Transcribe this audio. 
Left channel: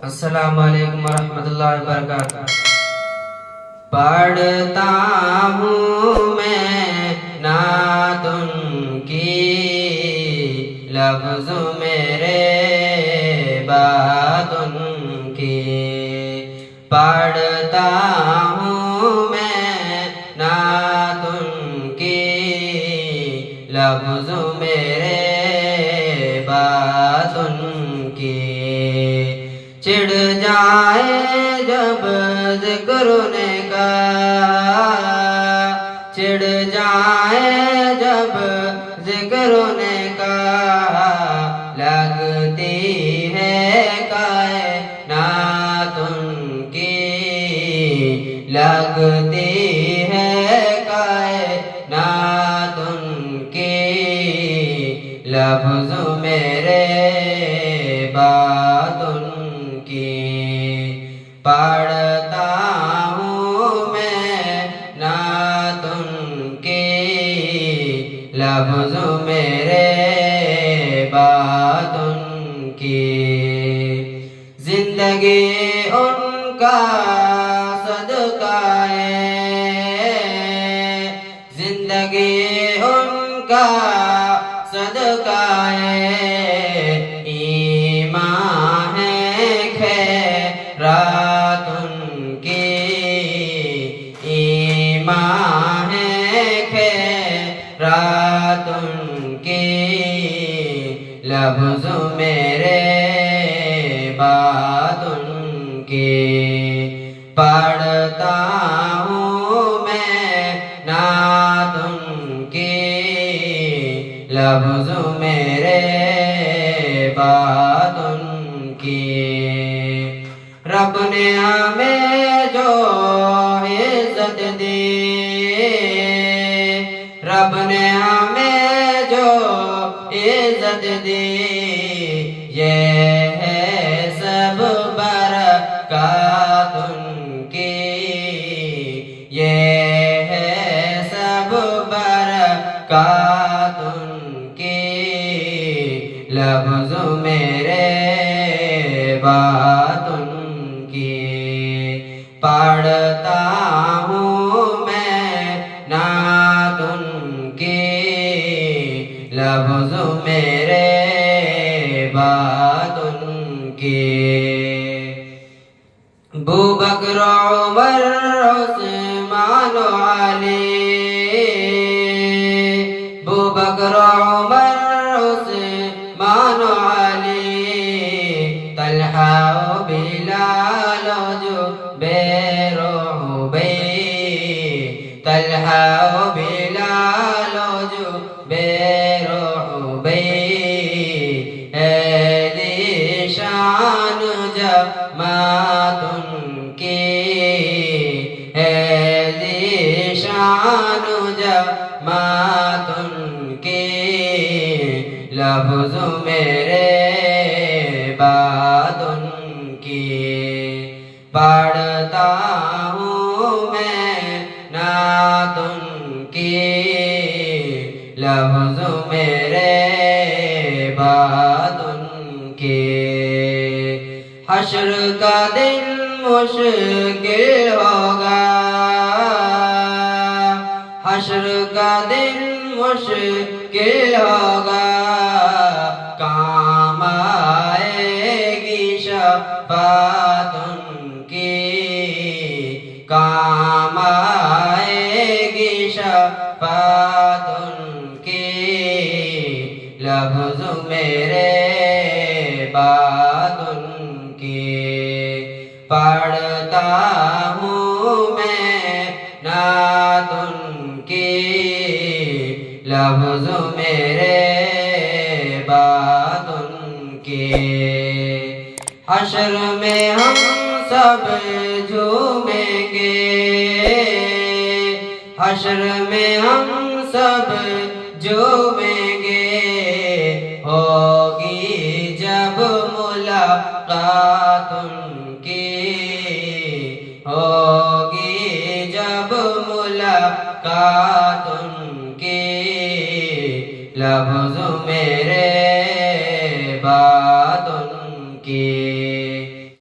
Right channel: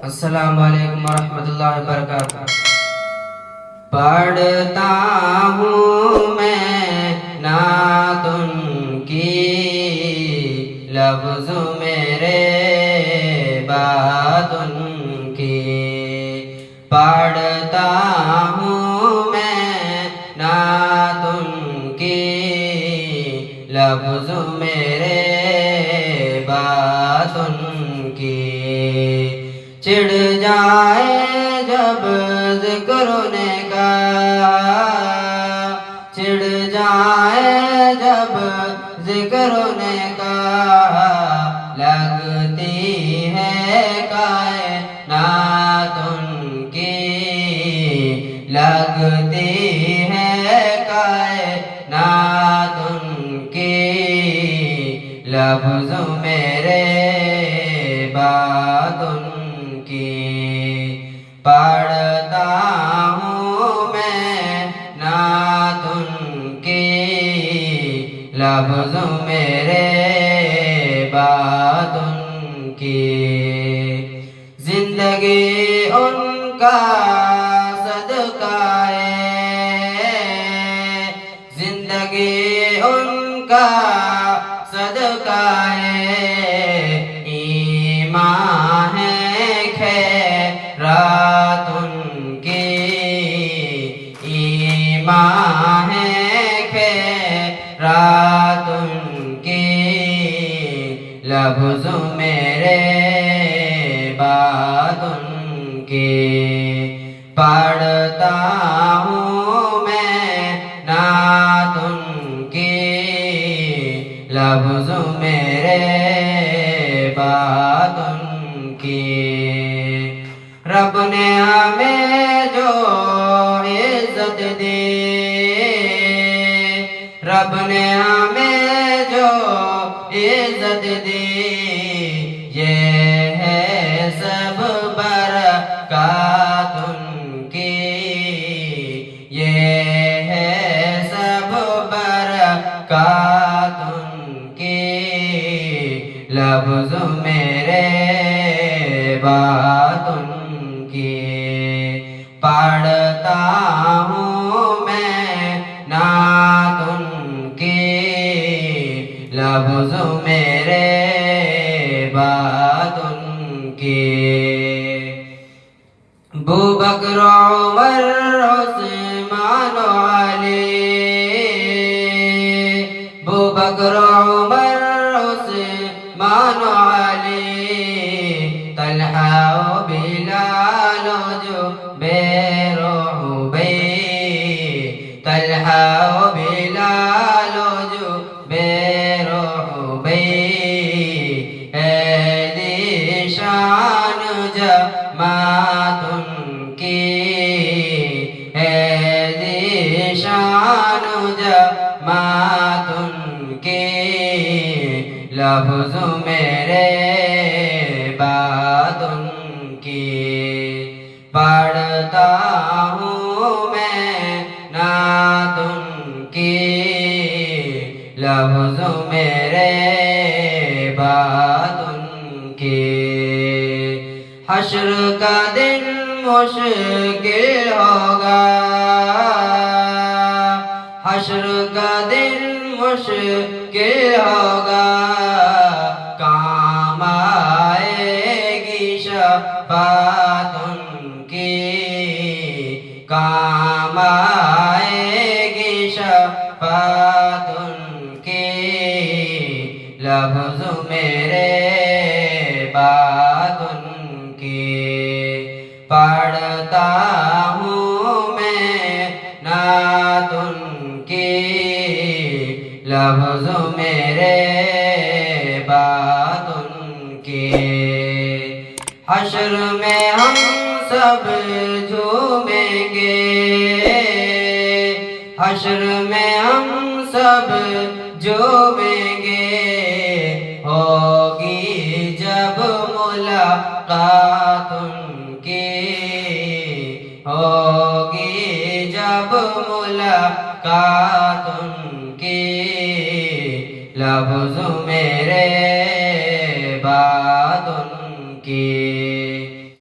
अस्सलामु अलैकुम वरहमतुल्लाहि वबरकातुहू। पढ़ता हूँ मैं नातुन की, लफ्ज़ मेरे बातुन की। पढ़ता हूँ मैं नातुन की, लफ्ज़ मेरे बातुन की। चिढ़ जाए जब ज़िक्र का, चिढ़ जाए जब ज़िक्र का, लगती है कायनातुन की, लगती है कायनातुन की। लफ्ज़ मेरे बातुन की। पढ़ता हूँ मैं नातुन की, लफ्ज़ मेरे बातुन की। जिंदगी उनका सदकाए, जिंदगी उनका सदकाए। ईमान है खैरातुन की, ईमान है खैरातुन की। लफ्ज़ मेरे बातुन की। पढ़ता हूँ मैं नातुन की, लफ्ज़ मेरे बातुन की। रब ने हमें जो इज़्ज़त दी, रब ने हमें जो इज़्ज़त दी, ये है सब बरकातुन की, ये है सब बरकातुन की। लफ्ज़ मेरे बातुन की। पढ़ता हूँ मैं नातुन की, लफ्ज़ मेरे बातुन की। अबू बकर उमर उस्मान अली, अबू बकर उमर उस्मान अली। तलहा बिलाल जुबैर उबई, तलहा बिलाल जुबैर उबई। शान जमातुन की, है शान जमातुन की। लफ्ज़ मेरे बातुन की। पढ़ता हूँ मैं नातुन की, लफ्ज़ मेरे बातुन की। हश्र का दिन मुश्किल होगा, हश्र का दिन मुश्किल होगा। काम आएगी शफ़ाअतुन की, काम आएगी शफ़ाअतुन की। लफ्ज़ मेरे बातुन की। पढ़ता हूँ मैं नातुन की, लफ्ज़ मेरे बातुन की। हश्र में हम सब झूमेंगे, हश्र में हम सब झूमेंगे। होगी जब मुलाकातुन की, होगी जब मुलाकातुन की। लफ्ज़ मेरे